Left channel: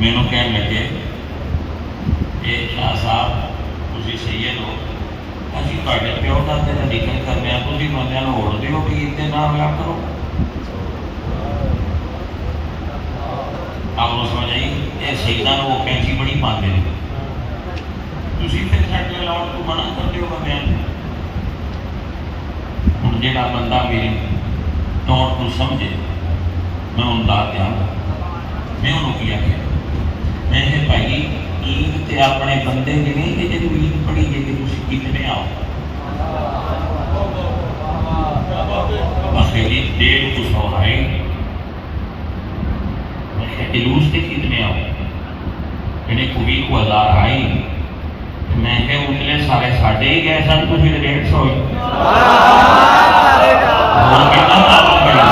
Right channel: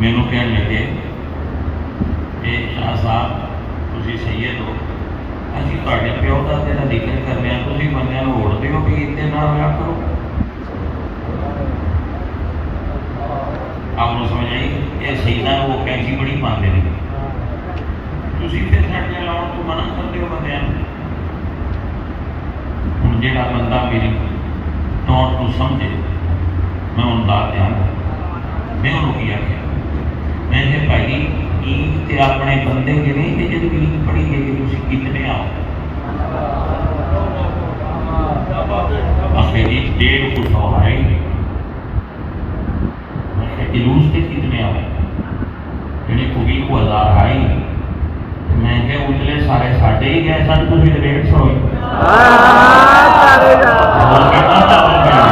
مینوں کہن لگے کہ شاہ صاحب تسی سید ہو، اسی تواڈے پیو دادے دا ذکر کرنے آ، تسی بندیاں نوں ہوڑ دیو پیر دے نال ہویا کرو۔ آپ کو سمجھ آئی؟ یہ سیداں نوں وہ کینچی بڑی پاندے نے، تسی پھر کھڑے لاؤ تو منع کر دیو بندیاں نوں۔ ہن جیڑا بندہ میری ٹون کو سمجھے میں ان دا دھیان میں انہوں کی آخیا میں کہ بھائی عید تے اپنے بندے کے نہیں کہ جب عید پڑھی ہے کہ تسی کتنے آؤ؟ آخری 150 آئے، میں کہ جلوس تے کتنے آؤ؟ یعنی کوئی کو 1000 آئی، میں کہ اتلے سارے ساڈے ہی گئے سن، تسی 150 ہوئی۔ اور کتنا دعوت کرنا؟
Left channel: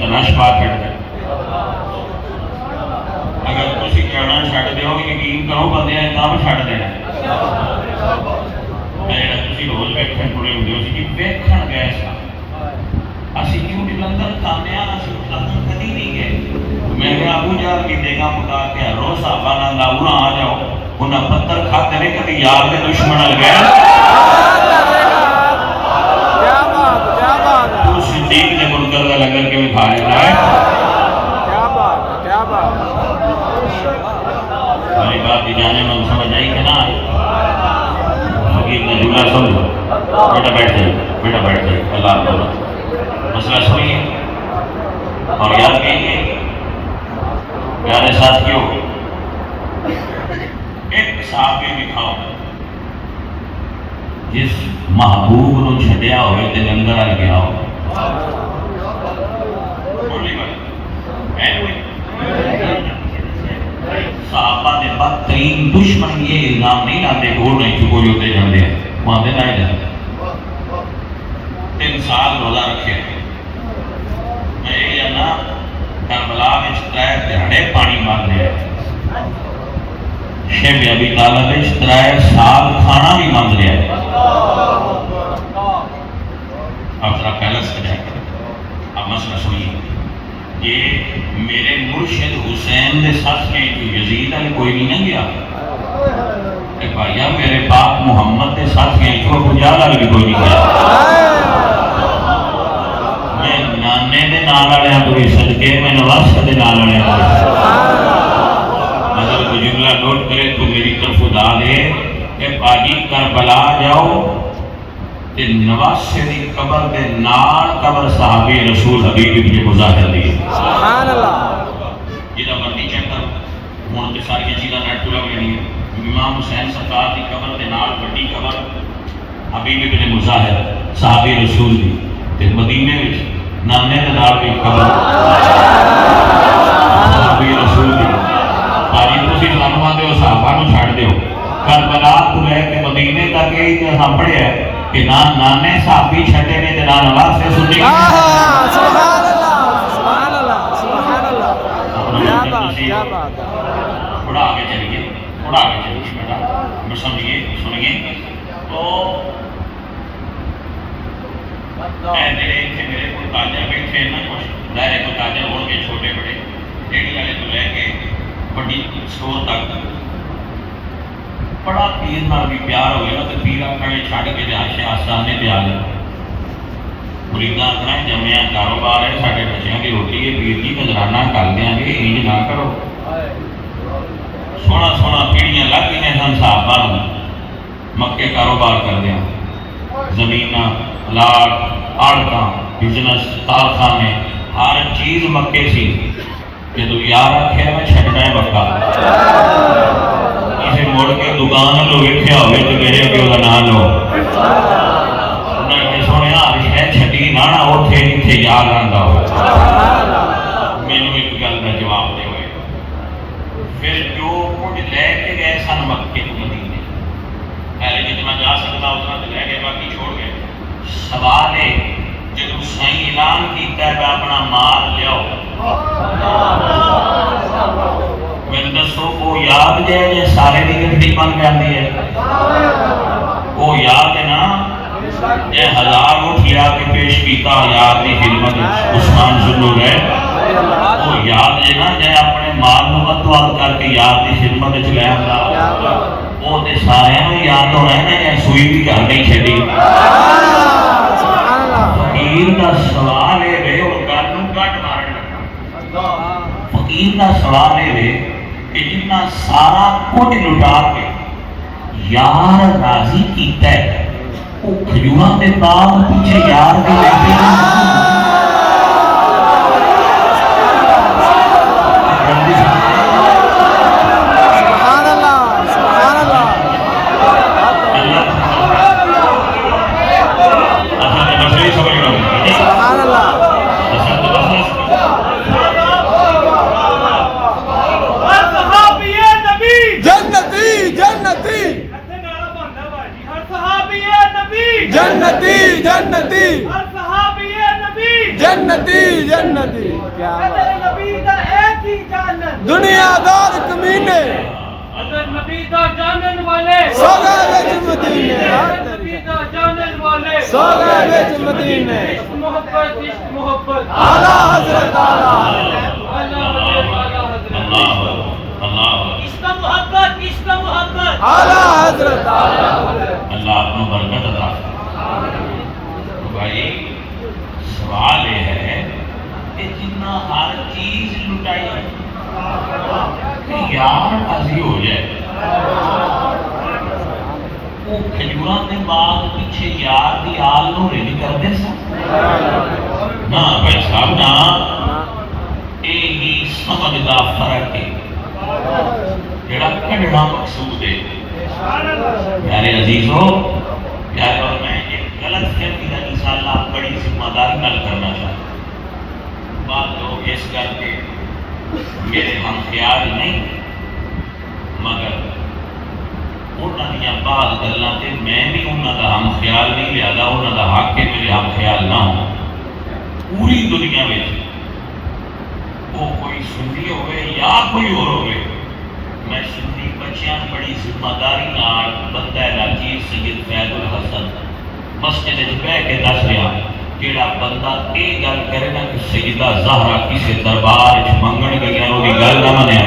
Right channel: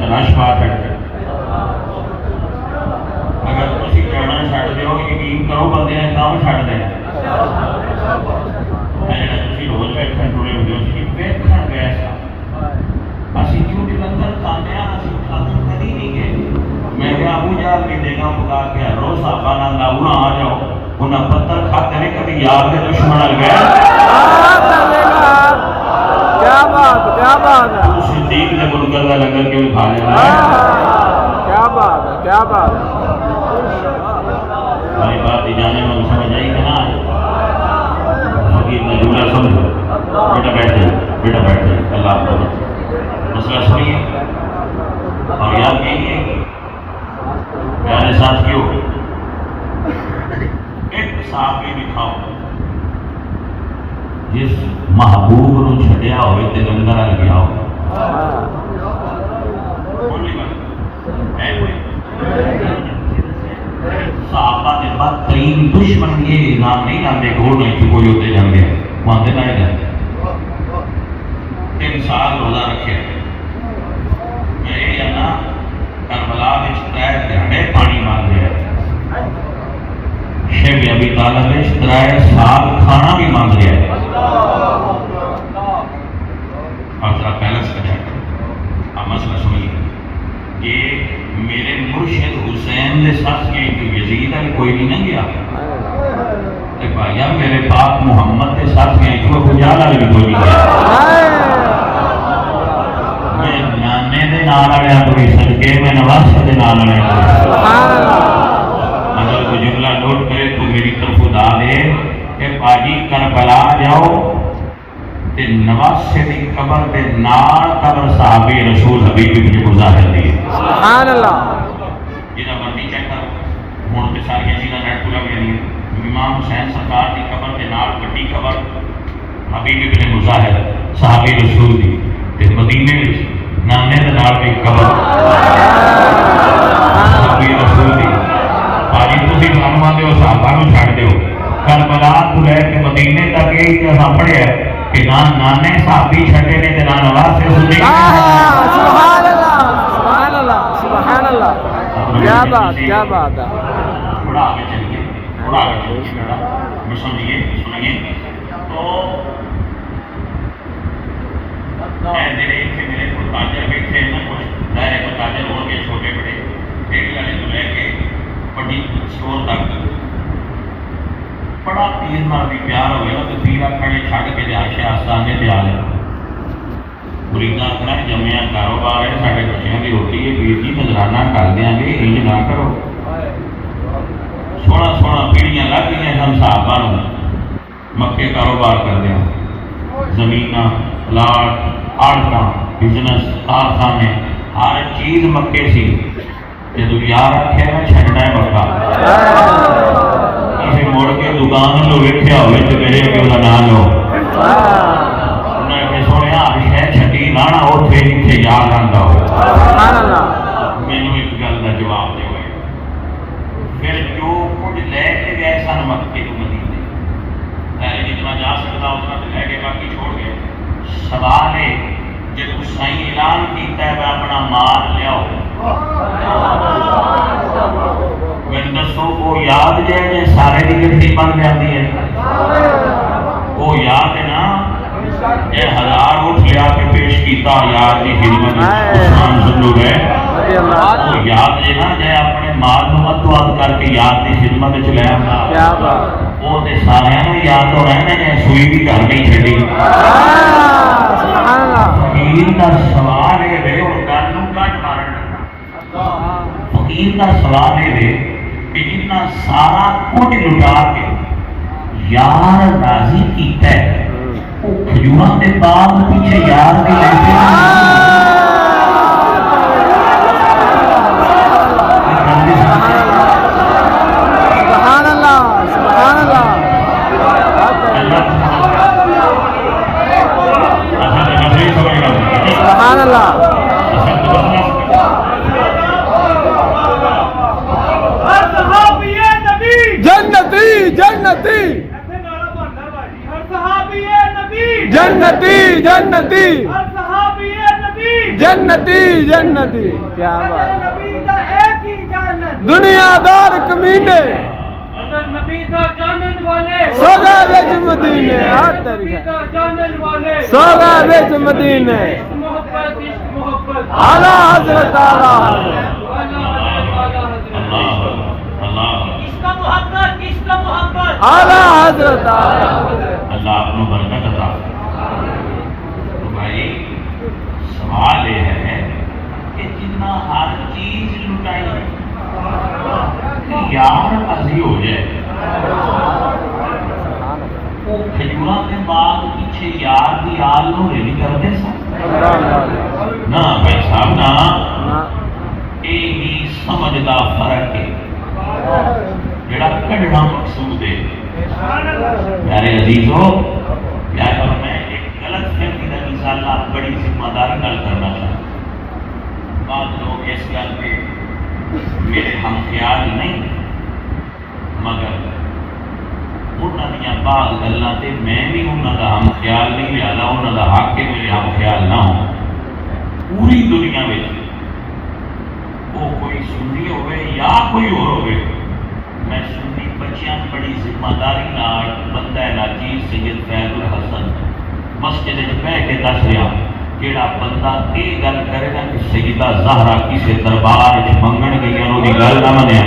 تلاش پا کر اگر تسی کہنا چھڈ دیو یقین کرو بندے کام چھڈ دینا۔ جڑا تسی روز ویکھن ٹرے ہوندے ہو سی ویکھن گئے سا، اسی کیوں جلندھر کھانے اسی کھانے کدی نہیں گئے۔ میں کہ ابو جہل کی دیگا پکا کے روز صحابہ نال لاؤنا آ جاؤ، انہاں پتھر کھاتے نے کبھی یار دے دشمن نال گئے۔ کیا بات کیا بات ہے، صدیق نے منکر کا لنگر کے بھی کھا لینا ہے۔ کیا بات ہے کیا بات ہے۔ ہماری بات کی جانے میں سمجھ آئی کہ نہ آئی؟ فقیر نے جملہ سمجھو، بیٹا بیٹھ جائے، بیٹا بیٹھ جائے، اللہ آپ کو مسئلہ سمجھیے اور یاد کیجیے پیارے ساتھیوں، ایک صحابی دکھاؤ جس محبوب نو چھڈیا ہوئے تے لنگر آ گیا ہو۔ صحابہ نے بدترین دشمن یہ الزام نہیں لاتے گھوڑ نہیں چکوری ہوتے جاندے ہیں، وہاں دے لائے جاتے 3 سال روزہ رکھے۔ میں یہ نا کربلا میں 3 گھڑے پانی مانگ رہے ہیں، شیخ ابی طالب میں 3 سال کھانا بھی مانگ رہے ہیں۔ آپ ذرا پہلا سجا آپ مسئلہ سمجھیے، یہ میرے مرشد حسین نے ساتھ کے یزید علی کوئی بھی نہیں گیا، بھائی میرے باپ محمد نے ساتھ کے ابو جہل علی بھی کوئی نہیں گیا۔ میں نانے دے نال والے تو بھی صدقے میں نواسے دے نال والے اگر کوئی جملہ نوٹ کرے تو میری طرف ادا دے کہ باجی کربلا جاؤ تے نواسے دی قبر دے نال قبر صحابی رسول حبیب ابن مظاہر دی۔ سبحان اللہ۔ جہاں مرضی چیک کرو، ہوں تو ساری چیزاں نیٹ کو لگ جانی ہے۔ امام حسین سرکار کی قبر دے نال بڑی قبر حبیب ابن مظاہر صحابی رسول دی، تے مدینے وچ نانے دے نال بھی قبر صحابی رسول دی۔ باجی تسی سانوں آندے ہو صحابہ نوں چھڈ دیو، کربلا تو لے کے مدینے تک یہ اتہاس پڑھیا ہے کہ نہ نانے صحابی چھڈے نے تے نہ نواسے صدیق۔ سبحان اللہ سبحان اللہ سبحان اللہ، کیا بات کیا بات ہے۔ تھوڑا آگے چلیے، تھوڑا آگے چلیے بیٹا، سمجھیے سنیے تو میرے کو تاجر بیٹھے نا کچھ ظاہر کو تاجر ہو گئے چھوٹے بڑے ریڑھی والے تو لے کے بڑی اسٹور تک بڑا پیر نال بھی پیار ہوئے نا تو پیر کھڑے چھڈ کے آشے آستانے پہ آ گیا۔ مریداں آخنا جمیا کاروبار ہے سارے بچیاں کی روٹی ہے، پیر جی نظرانہ کر دیا گے انج نہ کرو۔ سونا سونا پیڑیاں لگ گئی سن صحابہ مکے کاروبار کر دیا، زمین پلاٹ آڑتاں بزنس کارخانے ہر چیز مکے سی۔ جدو یار آخیا میں چھڈنا ہے مکہ، کسی مڑ کے دکان لو ویکھیا ہوئے تو میرے اگے وہ نام لو، انہیں کہ سونے شہ چھڈی نہ اوتھے جتھے یار آندا ہو۔ مینوں ایک گل کا جواب دے ہوئے پھر جو کچھ لے کے گئے سن مکے کو مدینے، پہلے جتنا جا سکتا اتنا تو لے گئے باقی چھوڑ گئے۔ سوال ہے جب سائیں اعلان کیتا ہے اپنا مال لیاؤ، میں دسو وہ یاد جے گھنٹی بن جاتی ہے وہ یاد ہے نا اے ہزار اٹھ لیا کے پیش کیتا یاد کی خدمت عثمان ذلو گئے وہ یاد ہے نا جے اپنے مال نو متواد کر کے یاد کی خدمت وچ لے آندا وہ تے سارے نو یاد ہو رہا ہے کہ سوئی بھی گھر نہیں چھڈی سبحان اللہ فقیر دا سوال ہے وے اور گل نو کٹ مارن فقیر دا سوال ہے وے کہ جتنا سارا کچھ لٹا کے یار راضی کیتا ہے وہ کھجوراں دے باغ پیچھے یار کے لیتے سبحان اللہ سبحان اللہ سبحان اللہ جنتی جنتی جنتی جنتی جنتی جنتی کیا بات دنیا دار کمینے سوگا وچ مدینے سوگا وچ مدینے اعلی حضرت اعلی اعلی حضرت اللہ اپنی برکت عطا تو بھائی سوال یہ ہے کہ جنہ ہر چیز لٹائی یار راضی ہو جائے وہ کھجوراں دے باغ پیچھے یار دی آل نو ریڈی کرتے سن نہ بھائی صاحب نہ یہی سمجھ دا فرق ہے جڑا کڈنا مقصود ہے پیارے عزیزو پیارے اور میں ایک غلط فہمی کا انشاءاللہ بڑی ذمہ داری نال کرنا چاہتا ہوں بعض لوگ اس گل کے میرے ہم خیال نہیں مگر انہوں نے بعض گلاں تے میں بھی انہوں کا ہم خیال نہیں لہذا انہوں کا حق ہے میرے ہم خیال نہ ہو پوری دنیا میں وہ کوئی سنی ہوئے یا کوئی اور ہوئے میں سنی بچیاں بڑی ذمہ داری نال بندہ علاجی سید فیض الحسن مسجد وچ بیٹھ کے دس رہا جیڑا بندہ یہ گل کرے نا کہ سیدہ زہرا کسی دربار وچ منگن گئیاں وہ گل نہ منیا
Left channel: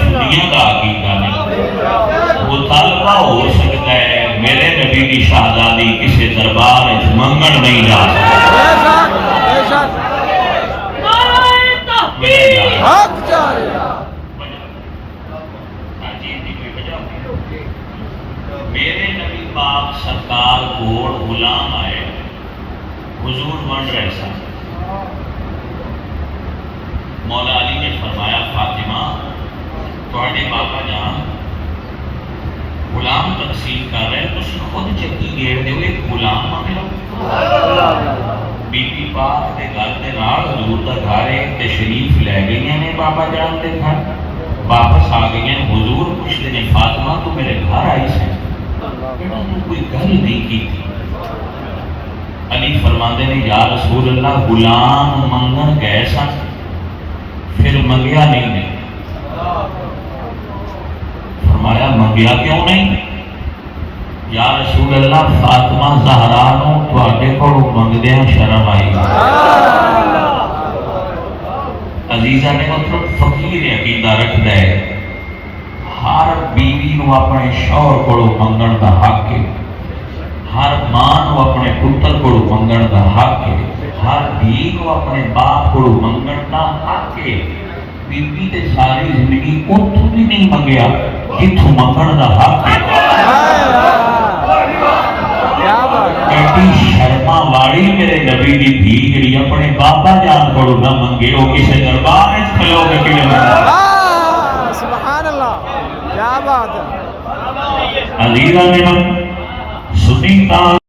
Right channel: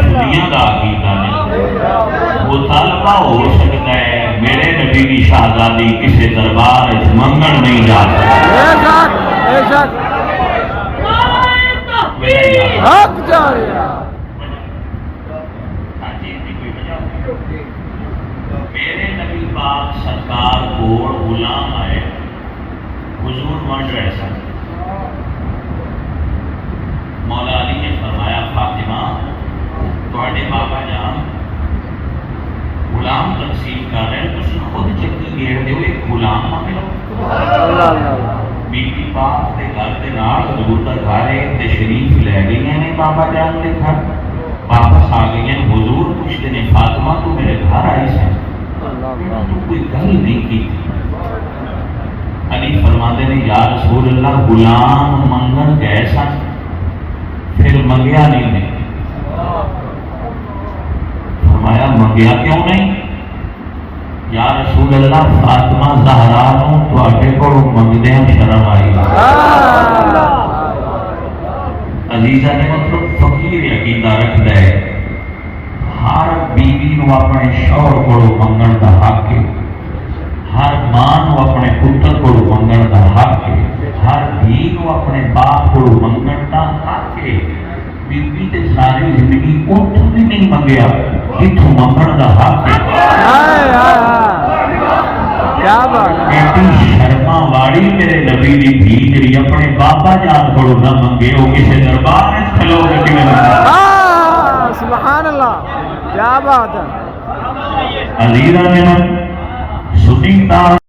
سنیاں دا عقیدہ نہیں مطالبہ ہو سکتا ہے میرے نبی کی شہزادی کسی دربار وچ منگن نہیں جا سکتا حق جاریا میرے نبی پاک سرکار کوڑ غلام آئے حضور بن رہے سن مولا علی نے فرمایا فاطمہ تھوڑے بابا جان غلام تقسیم کر رہے ہیں تسی خود چکی گیڑ دے ایک غلام مانگ لو بی بی پاک دے گھر دے نال حضور دا گھر ہے تشریف لے گئی ہیں بابا جان دے گھر واپس آ گئی ہیں حضور پوچھتے ہیں فاطمہ تو میرے گھر آئی سے کوئی گل نہیں کی تھی علی فرماندے نے یا رسول اللہ غلام منگن گئے سن پھر منگیا نہیں نے فرمایا منگیا کیوں نہیں یا رسول اللہ فاطمہ زہرا نو تواڈے کول منگدیاں شرم آئی عزیزہ نے مطلب فقیر عقیدہ رکھدا ہے ہر بیوی نو اپنے شوہر کولو منگن دا حق ہے ہر ماں نو اپنے پتر کولو منگن دا حق ہے ہر دھی نو اپنے باپ کولو منگن دا حق ہے بی بی تے ساری زندگی اتھوں بھی نہیں منگیا جتھوں منگن دا حق ہے کیا بات ایسی شرما والی میرے نبی دی دھی جڑی اپنے بابا جان کولو نہ منگے وہ کسے دربار وچ کھلو کے کیویں منگے سبحان اللہ کیا بات ہے عزیزاں نے سنی تا